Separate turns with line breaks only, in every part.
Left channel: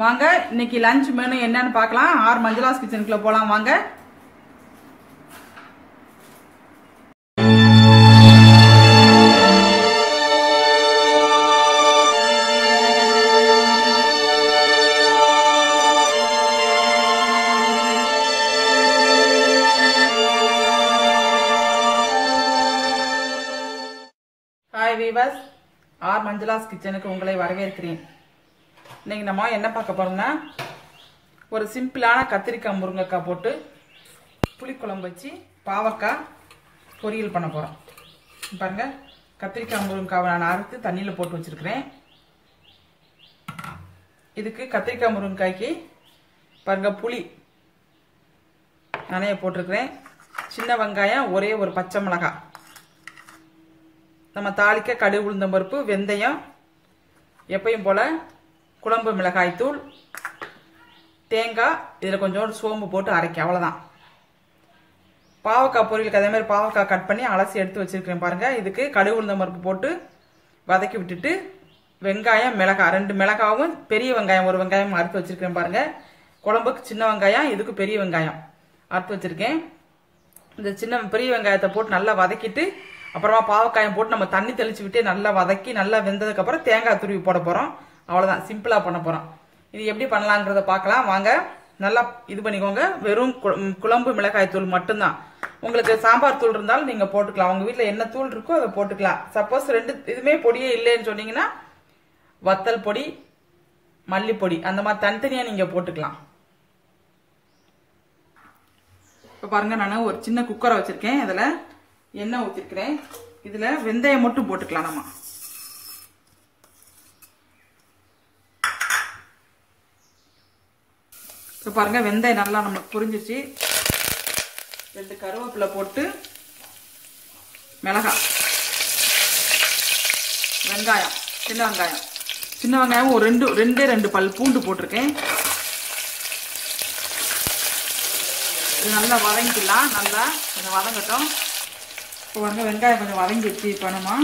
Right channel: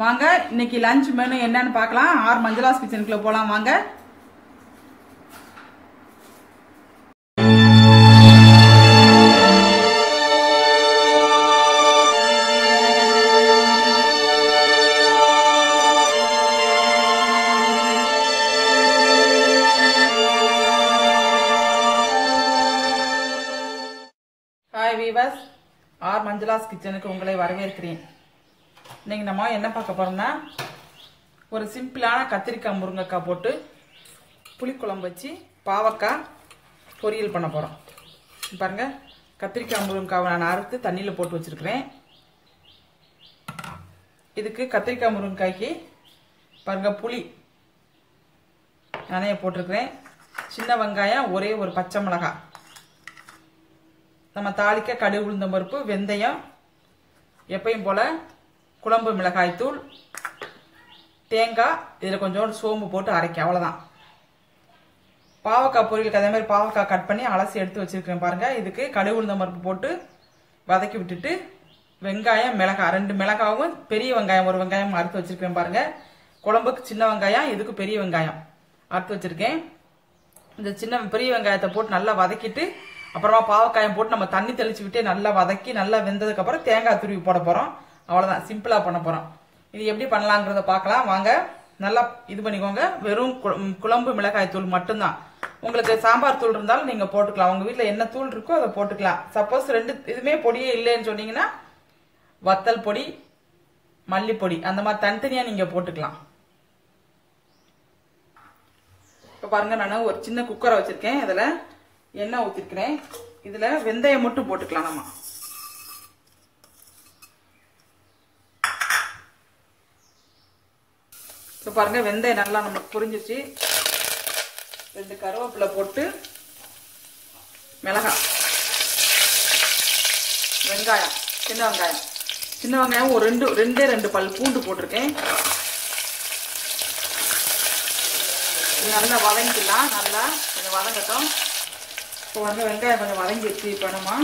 வாங்க இன்னைக்கு lunch menu என்னன்னு பார்க்கலாம். ஆர் மஞ்சளாஸ் கிச்சனுக்குள்ள போலாம் வாங்க. ஹாய் வீவர்ஸ் ஆர் மஞ்சளாஸ் கிச்சனுக்கு உங்களை வரவேற்கிறேன். இன்னைக்கு நம்ம என்ன பார்க்க போறோம்னா ஒரு சிம்பிளான கத்திரிக்காய் முருங்கைக்காய் போட்டு புளிக்குழம்பு வச்சு பாவக்காய் பொரியல் பண்ண போறோம். பாருங்க கத்திரிக்காய் முருங்கைக்காவை நான் அறுத்து தண்ணியில் போட்டு வச்சிருக்கிறேன். இதுக்கு கத்திரிக்காய் முருங்கைக்காய்க்கு பாருங்க புளி. நானே போட்டிருக்கிறேன். சின்ன வெங்காயம் ஒரே ஒரு பச்சை மிளகாய். நம்ம தாளிக்க கடுகு உளுந்தம்பருப்பு வெந்தயம் எப்பயும் போல குழம்பு மிளகாய்த்தூள் தேங்காய் இதில் கொஞ்சோண்டு சோம்பு போட்டு அரைக்க அவ்வளோதான் பாவக்காய் பொரியலுக்கு அதே மாதிரி பாவக்காய் கட் பண்ணி அலசி எடுத்து வச்சிருக்கிறேன் பாருங்கள் இதுக்கு கடுகு உளுந்தம் போட்டு வதக்கி விட்டுட்டு வெங்காயம் மிளகாய் ரெண்டு மிளகாவும் பெரிய வெங்காயம் ஒரு வெங்காயம் அறுத்து வச்சிருக்கேன் பாருங்க. குழம்புக்கு சின்ன வெங்காயம் இதுக்கு பெரிய வெங்காயம் அறுத்து வச்சிருக்கேன். இந்த சின்ன பெரிய வெங்காயத்தை போட்டு நல்லா வதக்கிட்டு அப்புறமா பாவக்காயம் போட்டு நம்ம தண்ணி தெளிச்சு விட்டு நல்லா வதக்கி நல்லா வெந்ததுக்கு அப்புறம் தேங்காய் துருவி போட போறோம். அவ்வளவுதான். சிம்பிளா பண்ண போறோம். இது எப்படி பண்ணலாங்கிறத பார்க்கலாம். வாங்க நல்லா இது பண்ணிக்கோங்க. வெறும் குழம்பு மிளகாய் தூள் மட்டும்தான். உங்களுக்கு சாம்பார் தூள் இருந்தாலும் நீங்க போட்டுக்கலாம். உங்க வீட்டில் என்ன தூள் இருக்கோ அதை போட்டுக்கலாம். சப்போஸ் ரெண்டு இதுமே பொடியே இல்லைன்னு சொன்னீங்கன்னா வத்தல் பொடி மல்லிப்பொடி அந்த மாதிரி தனித்தனியா நீங்க போட்டுக்கலாம். இப்ப பாருங்க நான் ஒரு சின்ன குக்கரை வச்சிருக்கேன். இதுல எண்ணெய் ஊத்திருக்கிறேன். இதுல வெந்தயம் மட்டும் போட்டுக்கலாம் நம்ம. இப்போ பாருங்க வெந்தயம் நல்லா நம்ம புரிஞ்சிச்சு. ரெண்டு கருவேப்பிலை போட்டு மிளகாய். வெங்காயம் சின்ன வெங்காயம். சின்ன வெங்காயம் ஒரு ரெண்டு ரெண்டே ரெண்டு பல் பூண்டு போட்டிருக்கேன். நல்லா வதங்கிக்கலாம் நல்லா கொஞ்சம் வதங்கட்டும். இப்போ வந்து வெங்காயம் கொஞ்சம் வதங்கிடுச்சு இப்போ நம்ம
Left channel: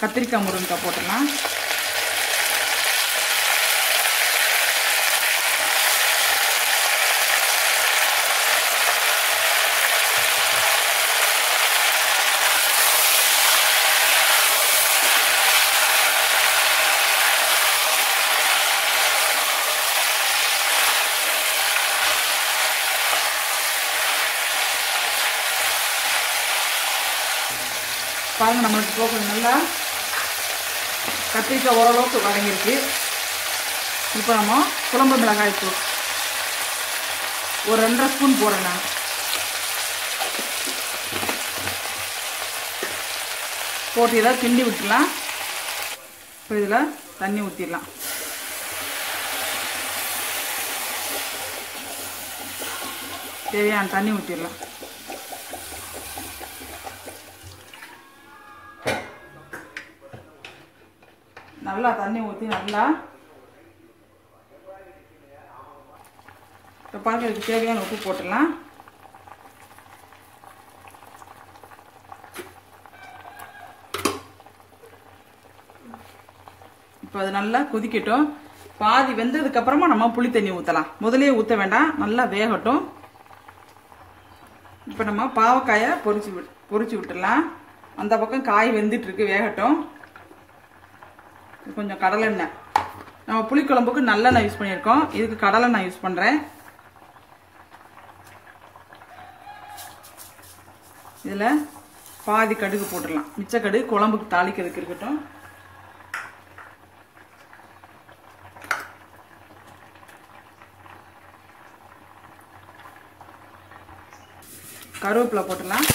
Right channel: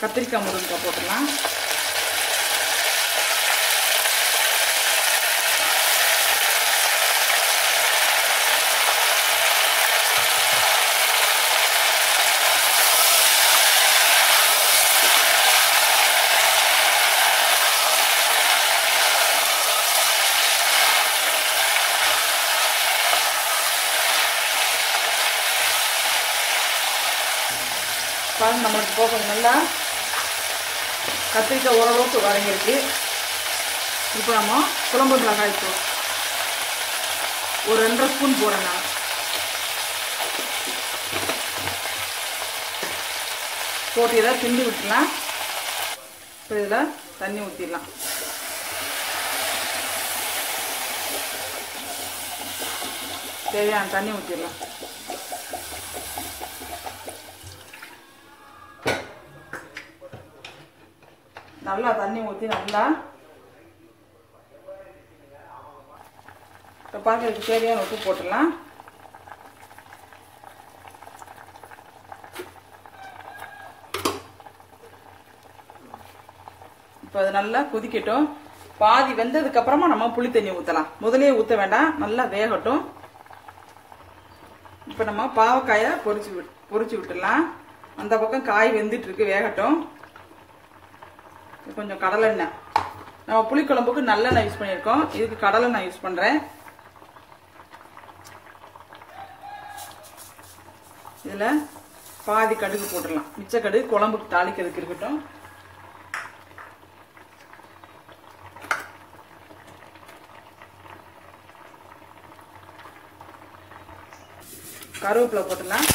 கத்திரிக்காய் முருங்கக்காய் போட்டுக்கலாம். பாருங்க நம்மளுக்கு போக நல்லா கத்திரிக்காய் ஓரளவுக்கு வதங்கிருக்கு இப்போ நம்ம குழம்பு மிளகாய் இருக்கும் ஒரு ரெண்டரை ஸ்பூன் போடணும். போட்டு இதை கிண்டி விட்டுலாம் இப்போ இதில் தண்ணி ஊற்றிடலாம். தேவையான தண்ணி ஊற்றிடலாம். நல்லா தண்ணி ஊற்றி நல்லா இப்போ பாக்கிறதுக்கு தேவையான உப்பு போட்டுடலாம். இப்போ அது நல்லா கொதிக்கட்டும். பாதி வெந்ததுக்கு அப்புறமா நம்ம புளி தண்ணி ஊற்றலாம் முதலே ஊற்ற வேண்டாம் நல்லா வேகட்டும். இப்போ நம்ம பாவக்காயை பொரிச்சு விட் பொரிச்சு விட்டுடலாம். அந்த பக்கம் காய் வெந்துட்டு இருக்கு வேகட்டும். கொஞ்சம் கடலெண்ணெய். நம்ம புளிக்குழம்புக்கு நல்லெண்ணெய் யூஸ் பண்ணியிருக்கோம். இதுக்கு கடலெண்ணெய் யூஸ் பண்றேன். இதுல பாதி கடுகு போட்டுடலாம். மிச்ச கடுகு குழம்புக்கு தாளிக்கிறதுக்கு இருக்கட்டும். கருவேப்பிலை போட்டுடலாம்.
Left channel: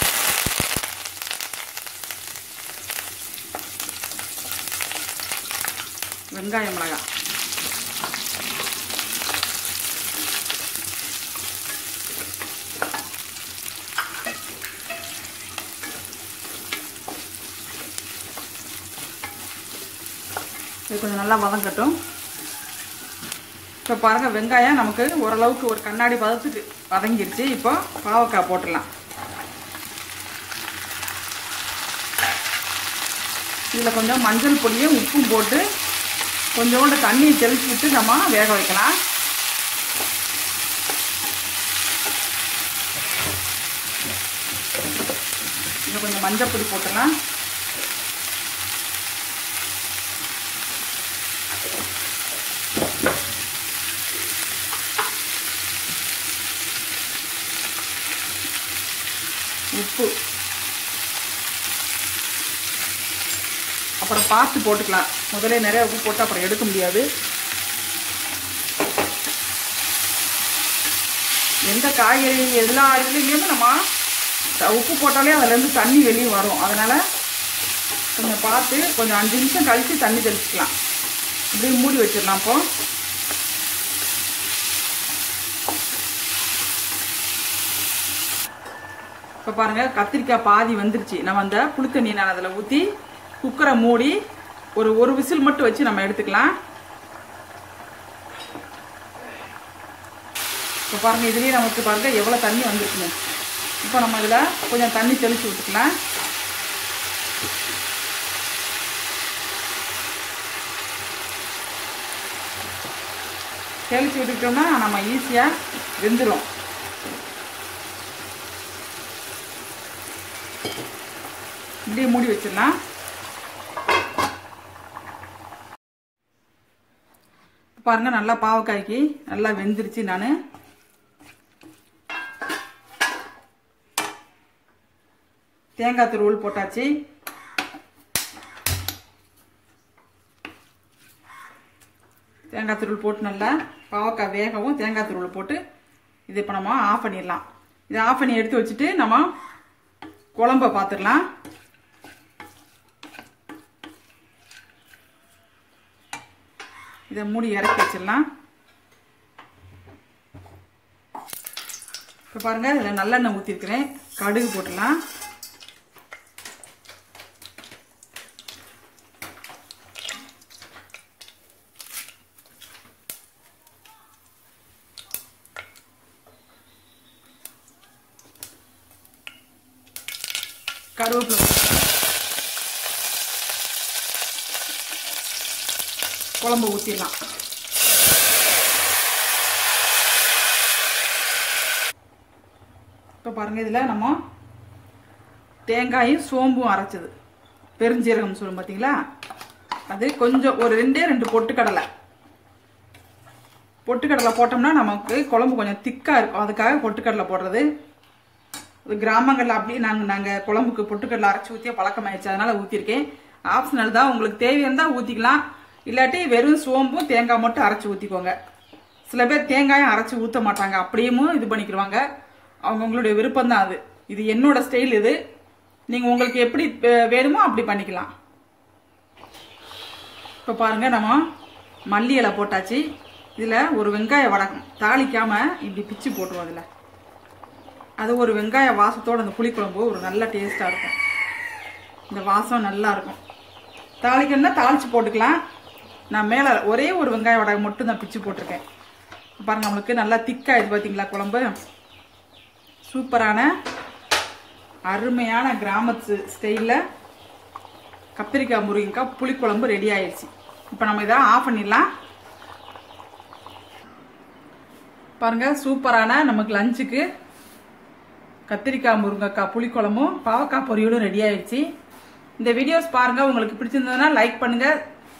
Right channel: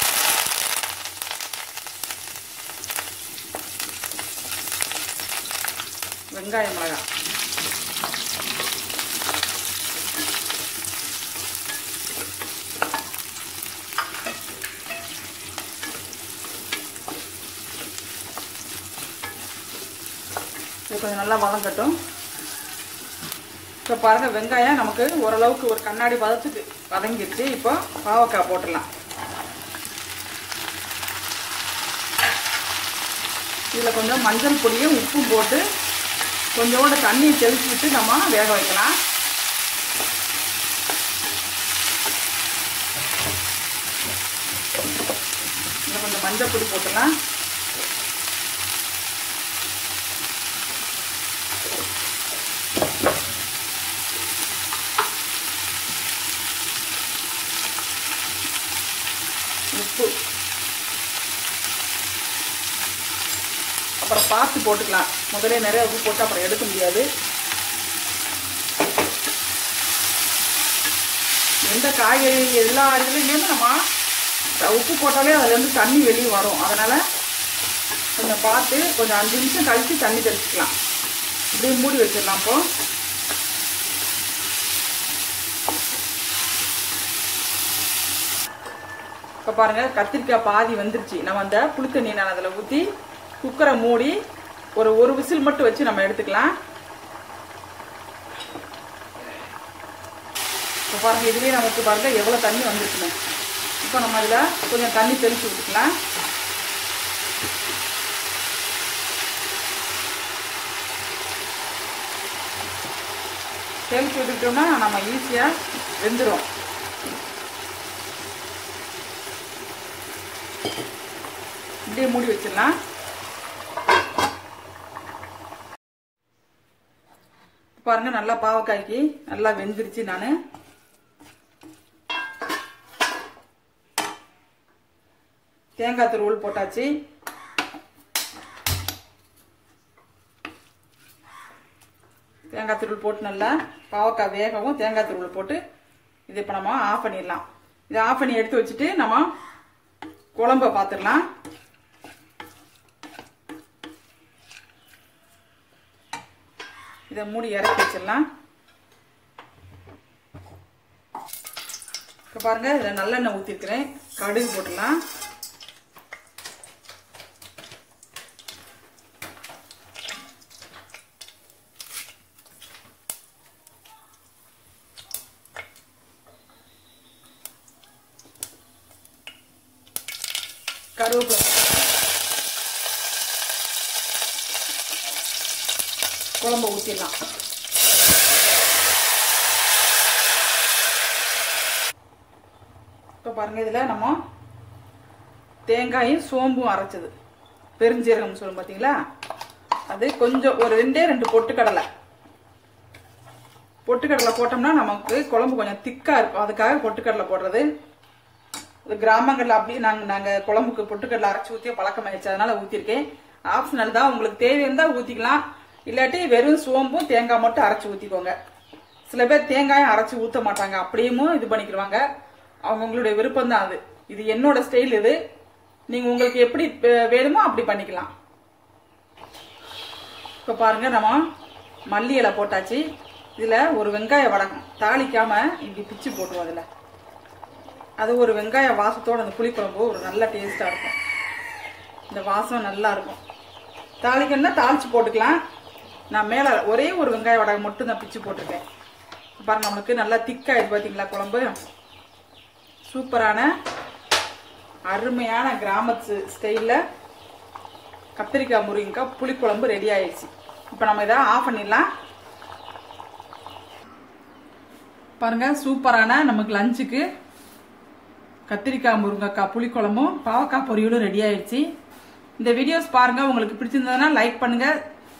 வெங்காயம் மிளகா. இது கொஞ்சம் நல்லா வதங்கட்டும் இப்போ பாருங்க வெங்காயம் நமக்கு ஓரளவுக்கு ஒரு கண்ணாடி பதத்துக்கு வதங்கிருச்சு இப்போ பாவக்காய் போட்டுடலாம். இதில் கொஞ்சம் மஞ்சள் பொடியும் உப்பும் போட்டு கொஞ்சோண்டு தண்ணியை தெளிச்சு விட்டு நம்ம வேக வைக்கலாம். கொஞ்சம் மஞ்சள் பொடி போட்டுக்கலாம் உப்பு அப்புறம் பார்த்து போட்டுக்கலாம். முதல்ல நிறைய உப்பு போட்டு அப்புறம் எடுக்க முடியாது. எந்த காய்கறி எல்லா இதுலேயுமே நம்ம உப்பு போட்டாலே அதுலேருந்து தண்ணி வெளியே வரும். அதனால் கொஞ்சம் பார்த்து கொஞ்சம் அஞ்சு நிமிஷம் கழித்து தண்ணி தெளிச்சிக்கலாம். இப்படியே மூடி வச்சிடலாம் இப்போ. இப்போ பாருங்கள் கத்திரிக்காய் பாதி வந்துருச்சு. நம்ம அந்த புளித்தண்ணியை நான் அதில் ஊற்றி குக்கரை மூடி ஒரு ஒரு விசில் மட்டும் வச்சு நம்ம எடுத்துக்கலாம். இப்போ பாருங்க இதுலேயே நமக்கு பாருங்க எவ்வளோ தண்ணி வந்துருக்குங்க இப்போ நம்ம இதில் கொஞ்சம் தண்ணி தெளித்து விட்டுக்கலாம் தெளித்து விட்டுக்கிட்டோம்னா நம்ம ஈஸியாக வெந்துடும் இப்படியே மூடி வச்சிடலாம். பாருங்க நல்லா பாவக்காய்க்கு நல்லா வெந்துருச்சு நான். தேங்காய் துருவல் போட்டாச்சு. தேங்காய் துருவல் போட்டு நல்லா பாவக்காய் வேகவும் தேங்காய் துருவல் போட்டு இது இப்போ நம்ம ஆஃப் பண்ணிடலாம். இதை ஆஃப் பண்ணி எடுத்து வச்சுட்டு நம்ம குழம்ப பார்த்துடலாம் இதை மூடி இறக்கி வச்சிடலாம். இப்போ பாருங்க இதில் நல்லெண்ணெய் ஊற்றிருக்கிறேன் கடுகு போட்டுடலாம். கருவேப்பிலை குழம்பு ஊற்றிடலாம் இப்போ பாருங்கள் இதில் நம்ம தேங்காயும் சோம்பும் அரைச்சது. பெருஞ்சீரகம் சொல்லும் பார்த்தீங்களா அது கொஞ்சம் ஒரு ரெண்டே ரெண்டு பொட்டுக்கடலை. பொட்டுக்கடலை போட்டோம்னா நமக்கு குழம்பு கொஞ்சம் திக்காக இருக்கும். அதுக்காக பொட்டுக்கடலை போடுறது. கிராமங்களில் அப்படியே நாங்கள் நாங்கள் குழம்புக்கு பொட்டுக்கடலை அரைச்சி ஊற்றிய பழக்கமாயிடுச்சு. அதனால ஊற்றிருக்கேன் ஆப்ஷனல் தான். உங்களுக்கு தேவை ஊற்றிக்கலாம் இல்லாட்டி வெறும் சோம்பும் தேங்காய் மட்டும் அரைச்சி ஊற்றிக்கோங்க சில பேர் தேங்காயும் அரைச்சி ஊற்ற மாட்டாங்க. அப்படியும் இது பண்ணிக்கிடுவாங்க அவங்கவுங்களுடைய விருப்பம் தான் அது. இது என்னோட ஸ்டைல் இது. நீங்கள் உங்களுக்கு எப்படி வேணுமோ அப்படி பண்ணிக்கலாம். இப்போ பாருங்க நம்ம மல்லி இலை போட்டாச்சு. இதில் ஒரு வெங்காய வடகம். தாளிக்காமல் இப்படி பிச்சு போட்டுவோம் அதில். அது ஒரு வெங்காய வாசத்தோட அந்த புளிக்குழம்பு ஒரு நல்ல டேஸ்ட்டாக இருக்கும். இந்த வாசம் நல்லா இருக்கும். தாளிக்கணும்னா தாளித்து போட்டுக்கலாம். நான் மேல ஒரே ஒரு வெங்காய வடகம் மட்டும் தான் பிச்சு போட்டிருக்கேன். பாருங்க நம்மளுக்கு நல்லா திக்காயிடுச்சு பாத்தீங்களா குழம்பு? சூப்பரான அருமையான கிராமத்து ஸ்டைலில் கத்திரிக்காய் முருங்கக்காய் புளிக்குழம்பு ரெடி ஆயிடுச்சு. இப்போ நம்ம இதை ஆஃப் பண்ணிடலாம். பாருங்க சூப்பரான நமக்கு லஞ்சுக்கு கத்திரிக்காய் முருங்கைக்காய் புளிக்குழம்பும் பாவக்காய் பொரியலும் ரெடி ஆயிடுச்சு. இந்த வீடியோஸ் பாருங்க உங்களுக்கு பிடிச்சிருந்ததுன்னா லைக் பண்ணுங்க.